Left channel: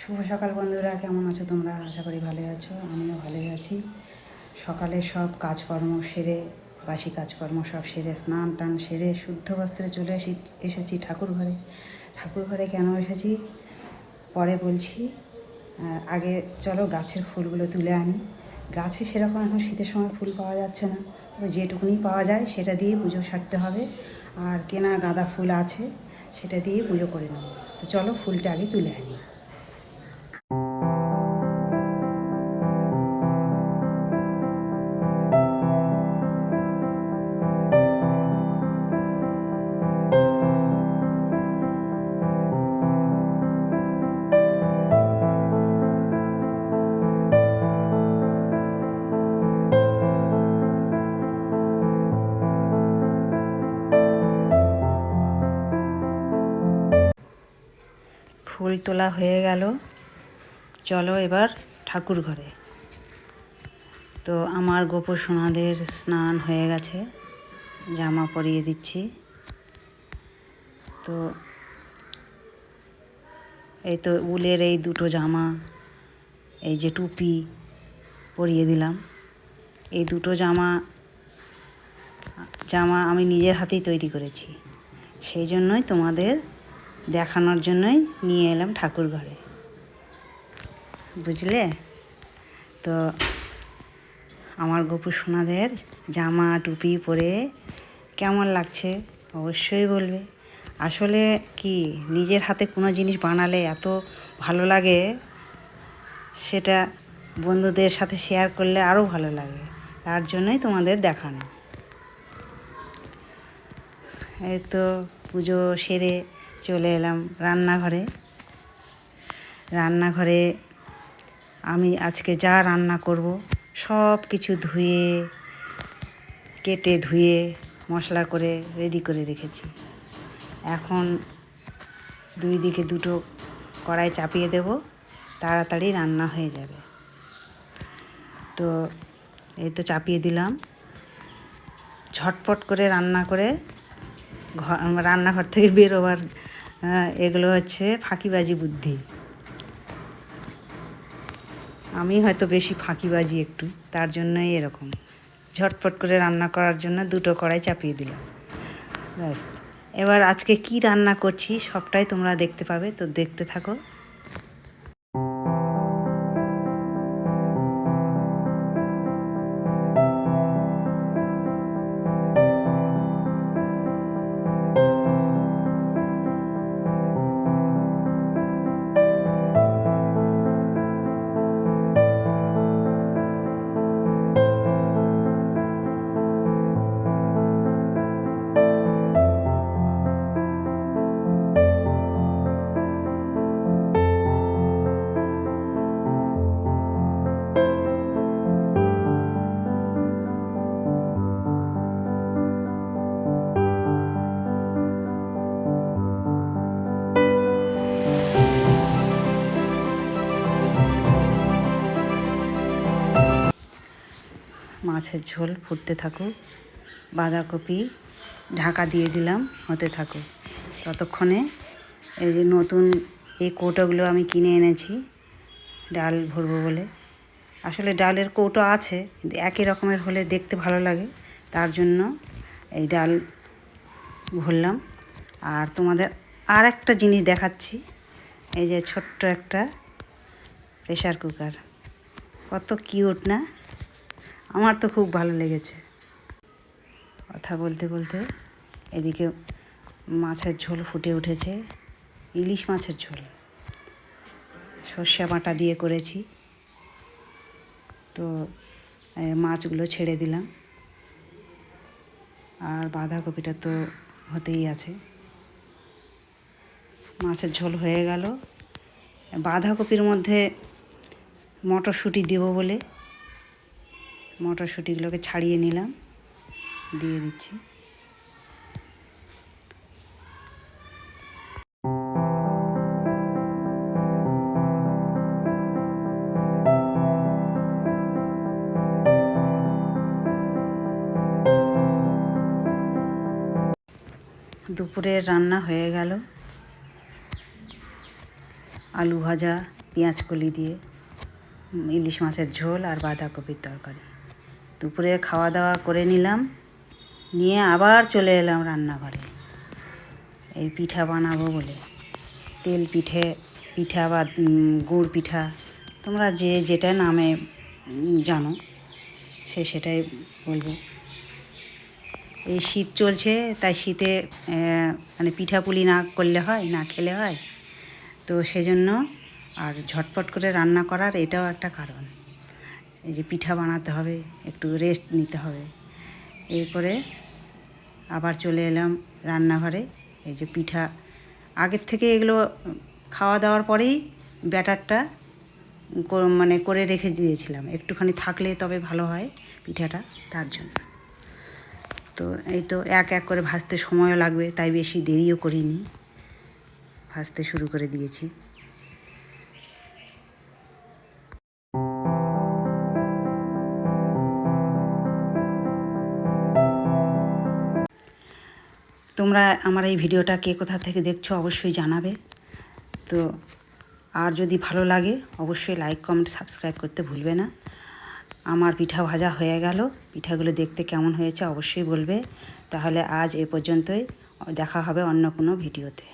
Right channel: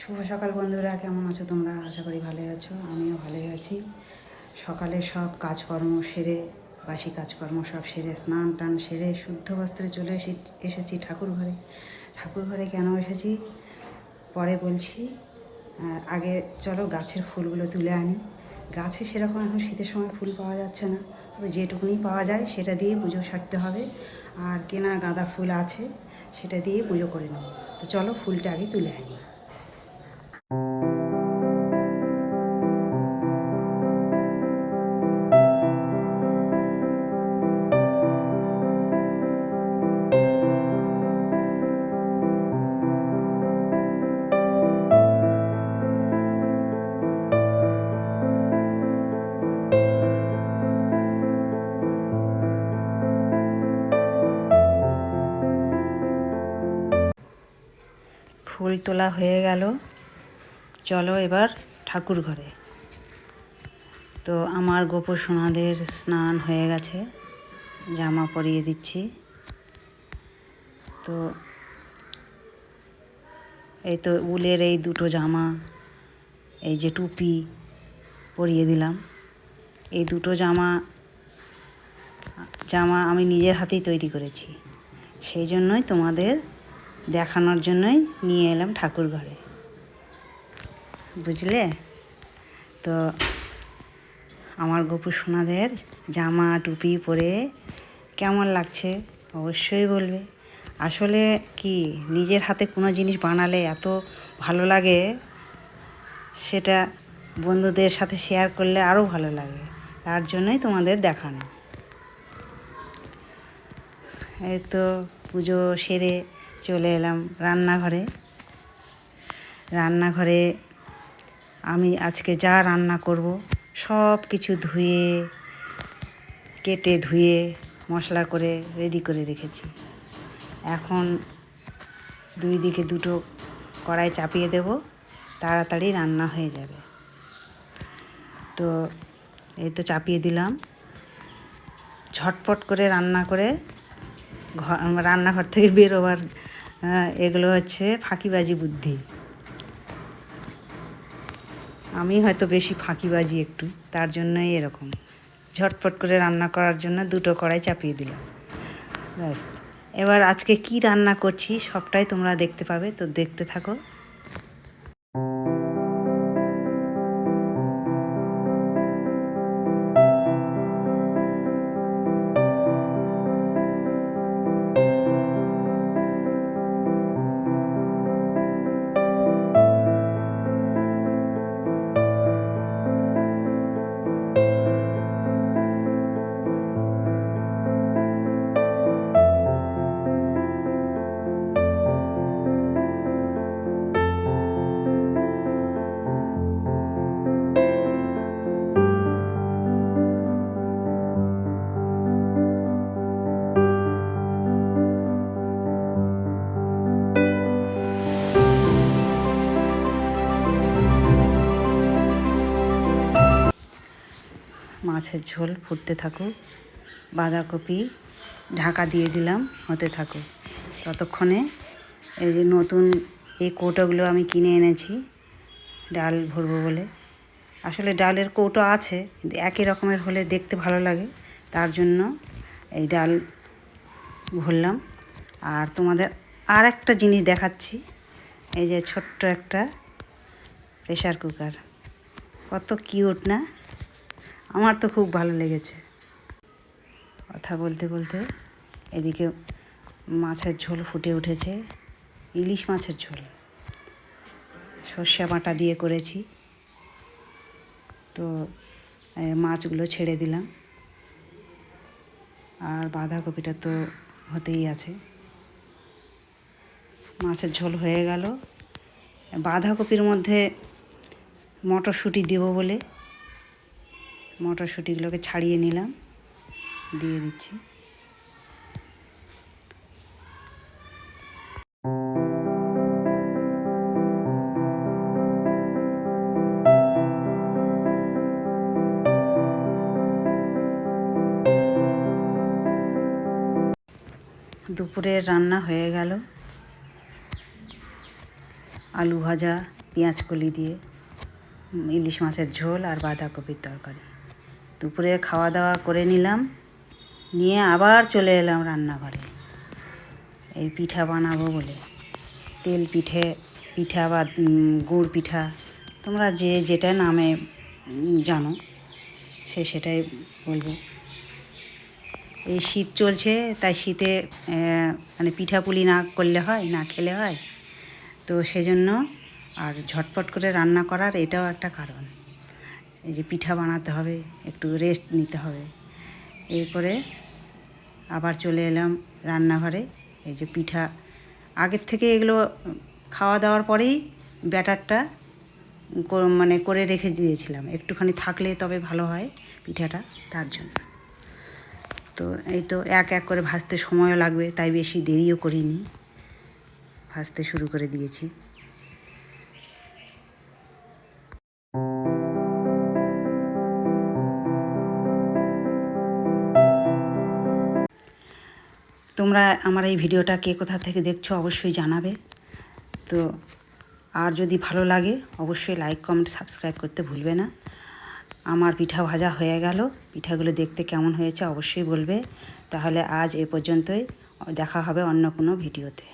শুভ সকাল বন্ধুরা, কেমন আছো তোমরা? আশা করি ভালোই আছো, আমিও ভালোই আছি। সকালে সব কাজকর্ম সেরে, বাসি কাজকর্ম সব সেরে, স্নান টান সেরে, শুদ্ধ বস্ত্রে চলে এসে, এসেছি ঠাকুর ঘরে। ঠাকুর ঘরে কেন এসেছি? পরে বলছি আগে চলো গাছের ফুলগুলো তুলে আনি। গাছে সেরকম এখন শীতের সময় ফুল পাওয়া যাচ্ছে না, তবে যেটুকুনি পাওয়া যায় সেটা দিয়ে পুজো সারতে হবে। আর কেনা গাঁদা ফুল আছে, সেটা দিয়ে পুজো করে নেব। তো চলো ফুলটা আগে তুলে আনি। ফুল তোলা হয়ে গেল। চলো এবার ঠাকুর ঘরে। তো আমার গোপর সোনাদের স্নান হয়ে গেছে। জামা পরিয়ে দিচ্ছি। তো এই তো উলের এই দুটো জামা, এই যে টুপি পরিয়ে দিলাম। এই দুটো জামা জামা আমি নিজের হাতেই তৈরি করেছি। সেই জন্যই তোমাদের দেখানোর জন্যই নিয়ে এলাম ঠাকুর ঘরে। বুঝলে? তো আমার গোপু সোনাদের জামা, টুপি পরে কেমন লাগছে অবশ্যই বলবে। আসলে কি নিজের হাতে কোনো জিনিস বানালে এত ভালো লাগে সেটা বন্ধুদের সাথে শেয়ার করলে আরও ভালো লাগে, তার জন্যই তোমাদের দেখানো। এই তো পুজো সেরে চলে এলাম রান্নাঘরে। রান্নাঘরে আমি আজকে যা রান্না করব সব কিছু ধুয়ে, কেটে ধুয়ে, মশলা করে রেডি করে রেখেছি। এখন দুই দিকে দুটো কড়াই চাপিয়ে দেব, তাড়াতাড়ি রান্না হয়ে যাবে। তো এই তো চাপিয়ে দিলাম। ঝটপট করে রান্না করে ঘর রান্নাঘর থেকে বেরোবার আহ, এগুলো হচ্ছে ফাঁকিবাজি বুদ্ধি। আমি হয়তো বেশি ফাঁকিবাজি একটু তার জন্যই এরকম। ঝটপট করে রান্না করার জন্য দুটো কড়াই চাপিয়ে দিলাম। ব্যাস। এবার আজকে কি রান্না করছি সবটাই তোমরা দেখতে পাবে তো দেখতে থাকো। মাছের ঝোল, ফুটতে থাকুক, বাঁধাকপি ঢাকা দিয়ে দিলাম, হতে থাকুক। ততক্ষণে এই যে নতুন এই কৌটোগুলো আমি কিনে এনেছি, ডাল ভরবো বলে। আসলে ডালের কৌটো আছে, কিন্তু একই রকমের হলে দেখতে ভালো লাগে, তার জন্য এই ডাল ভরলাম। আর তোমাদের আর একটা জিনিস দেখাচ্ছি, এই যে ছোট্ট একটা প্রেশার কুকার। কত কিউট না? আমার তো খুব ভালো লেগেছে। কথা বলতে বলতে এদিকে মাছের ঝোল ফুটে উঠেছে, ইলিশ মাছের ঝোল। সর্ষে বাটা দিয়ে করেছি। তো মাছগুলো ছেড়ে দিলাম। আর বাঁধাকপিটা তো হতেই আছে। মাছের ঝোল হয়ে গেল। বাঁধাকপির মধ্যে মটরশুঁটি দেবো বলে মটরশুঁটিগুলোকে ছাড়িয়ে নিলাম। দিয়ে দিচ্ছি। দুপুরের রান্না হয়ে গেল। আলু ভাজা, পেঁয়াজ কলি দিয়ে ইলিশ মাছের ঝোল আর বাঁধাকপির তরকারি। দুপুরে খাওয়া দাওয়া করে নিলাম। নিয়ে আবার চলে এলাম রান্নাঘরে। এই পিঠা বানাবো বলে। তেল পিঠে, পিঠা বা গুড় পিঠা, তোমরা যে যেটা নামে জানো, সে সেটাই বলব। এই শীত চলছে, তাই শীতে মানে পিঠাপুলি না করলে হয়, না খেলে হয়। তো সেজন্য আর ঝটপট করে রান্না করার এটাও একটা কারণ। এই যে পিঠা বানাতে হবে, একটু রেস্ট নিতে হবে। এই করে আবার চলে এলাম রান্নাঘরে, এই যে পিঠা। আগের থেকে এগুলো খাওয়া দাওয়ার পরেই ব্যাটারটা মানে করে রেখে দিয়েছিলাম। একটুখানি থাকলে তবে ভালো হয় পিঠাটা, তার জন্য। তো এই তো এক এক করে ভাজতে সময়ও লাগবে, তাই বেশি দেরিও করিনি। ভাজতে শুরু করে দিয়েছি। তোমরা আমার এই ভিডিওটা কে কোথা থেকে দেখছ অবশ্যই জানাবে। তো আর যদি ভালো লাগে, অবশ্যই লাইক কমেন্ট সাবস্ক্রাইব করতে ভুলবে না। আমার পিঠা ভাজা হয়ে গেল। পিঠাগুলো দেখতে কেমন হয়েছে অবশ্যই বলবে। তাহলে আজ এ পর্যন্তই। দেখা হবে অন্য কোনো ভিডিওতে।